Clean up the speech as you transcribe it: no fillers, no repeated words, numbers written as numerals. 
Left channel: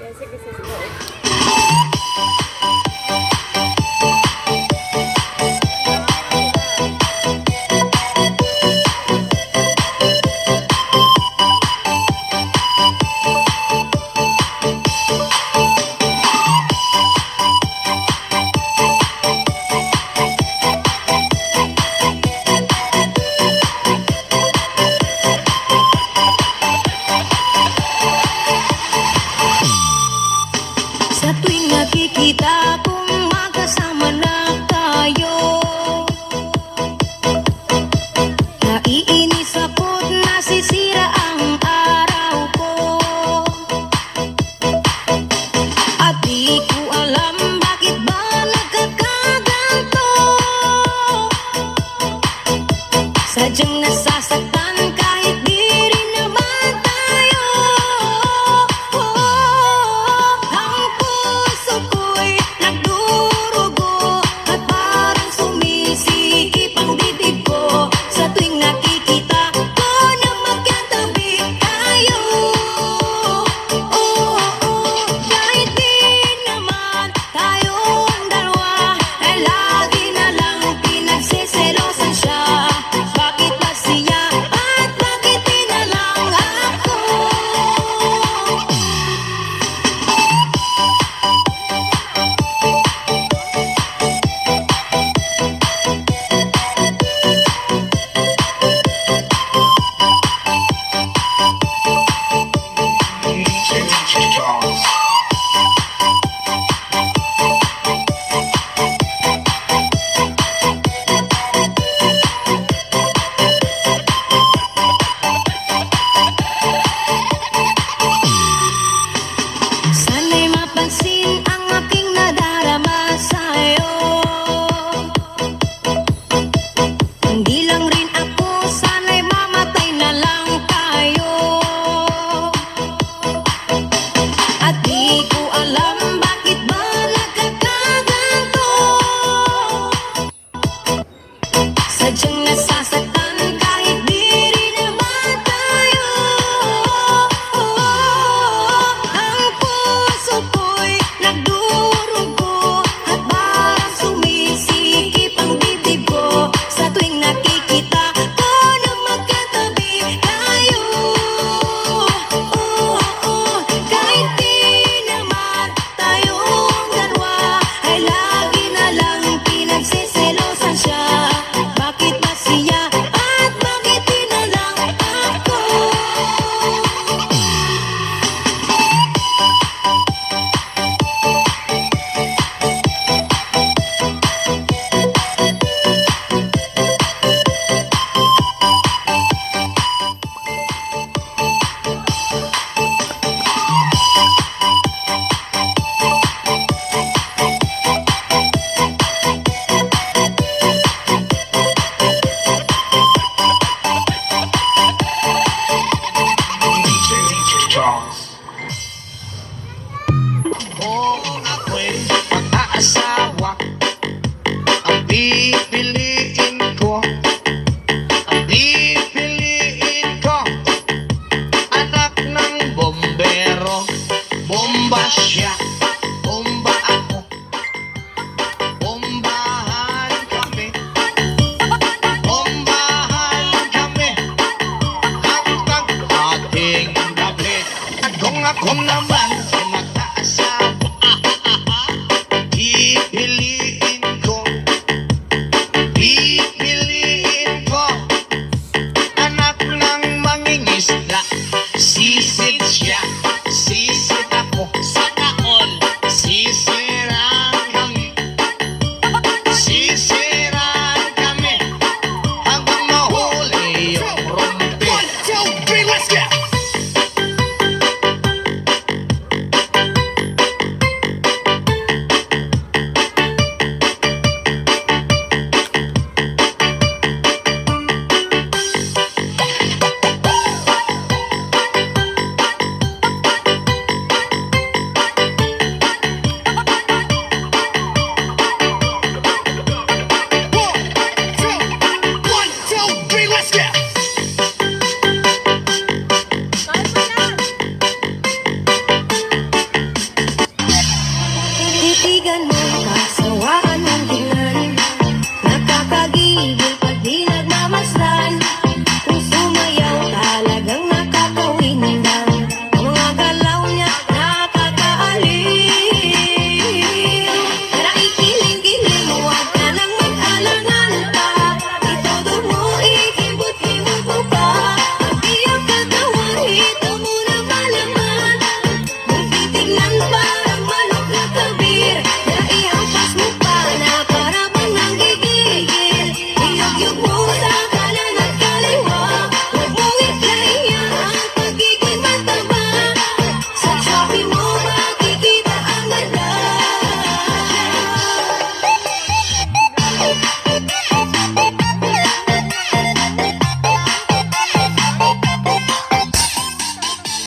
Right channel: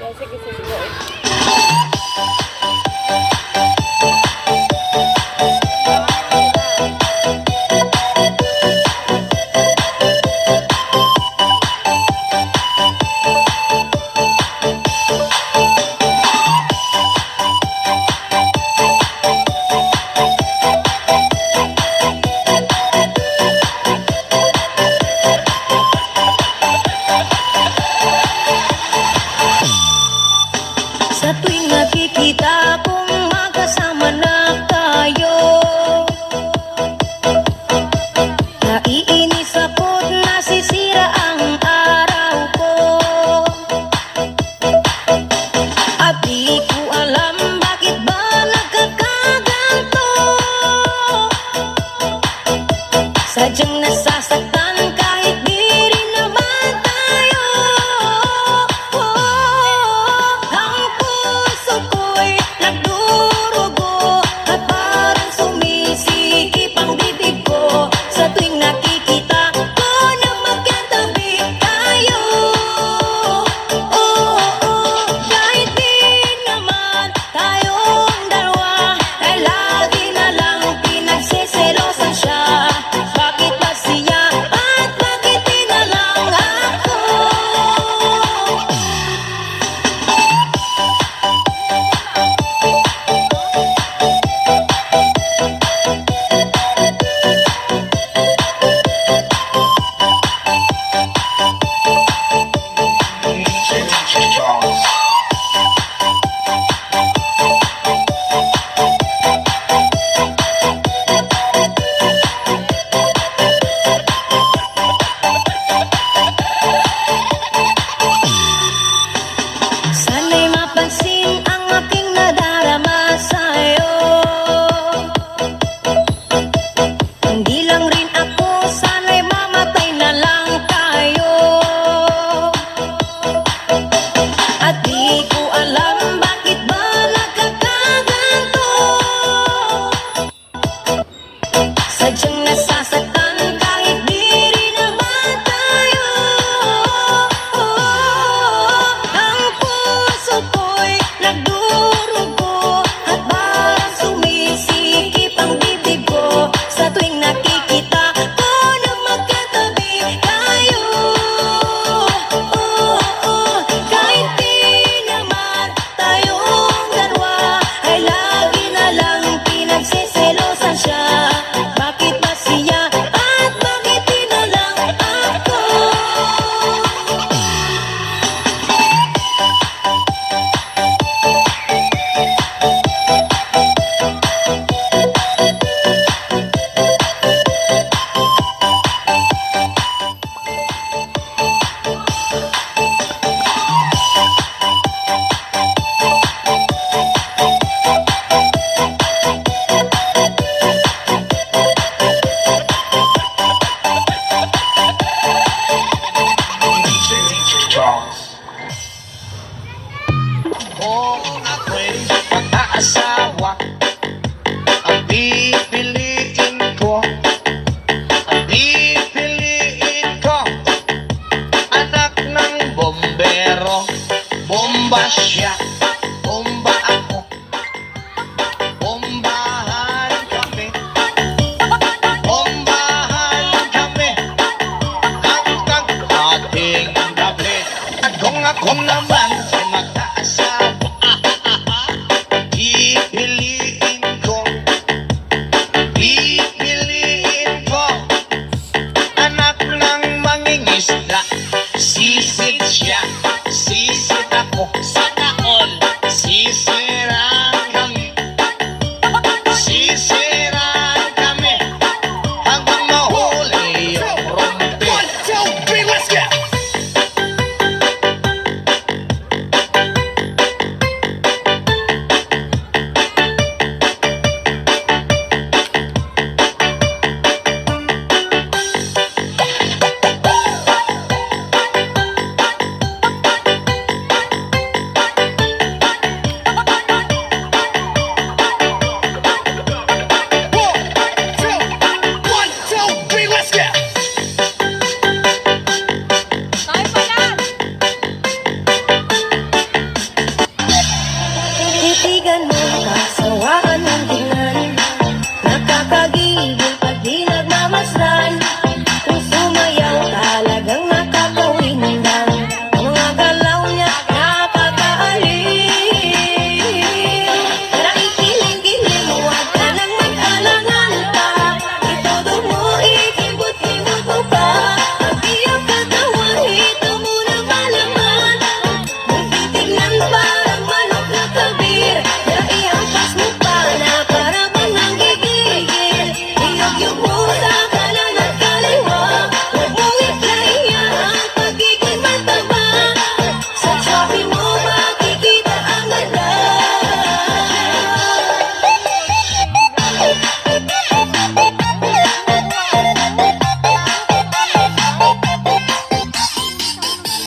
Yeah, sige, sige. Sa tuwing nakikita kong magkasama na tayo, naiinis ako't nasisira ang araw ko. At di ko alam bakit ba nagkakaganto. Sadyang nasasaktan kahit di rin naman tayo. Ang puso ko'y nagdurugo at parang sumisikip ang bibig ko sa tuwing nakikita ko na magkatabi tayo. Kahit di naman tayong dalawa ay lagi na lang pinagsiselosan siya. Bakit ba siya at bakit di na lang ako? Sana'y mapansin ang aking nadarama sa'yo. Hindi lang rin ako, sana'y mamatay na lang tayo. At di ko alam bakit ba nagkakaganto. Sadyang nasasaktan kahit di rin naman tayo. Ang puso ko'y nagdurugo at parang sumisikip ang bibig ko sa tuwing nakikita ko na magkatabi tayo. Kahit di naman tayong dalawa ay lagi na lang pinagsiselosan siya. Bakit ba siya at bakit di na lang ako? Kung ako'y mag-aasawa, ang pipiliin ko, anak ng bombero, bomba siya.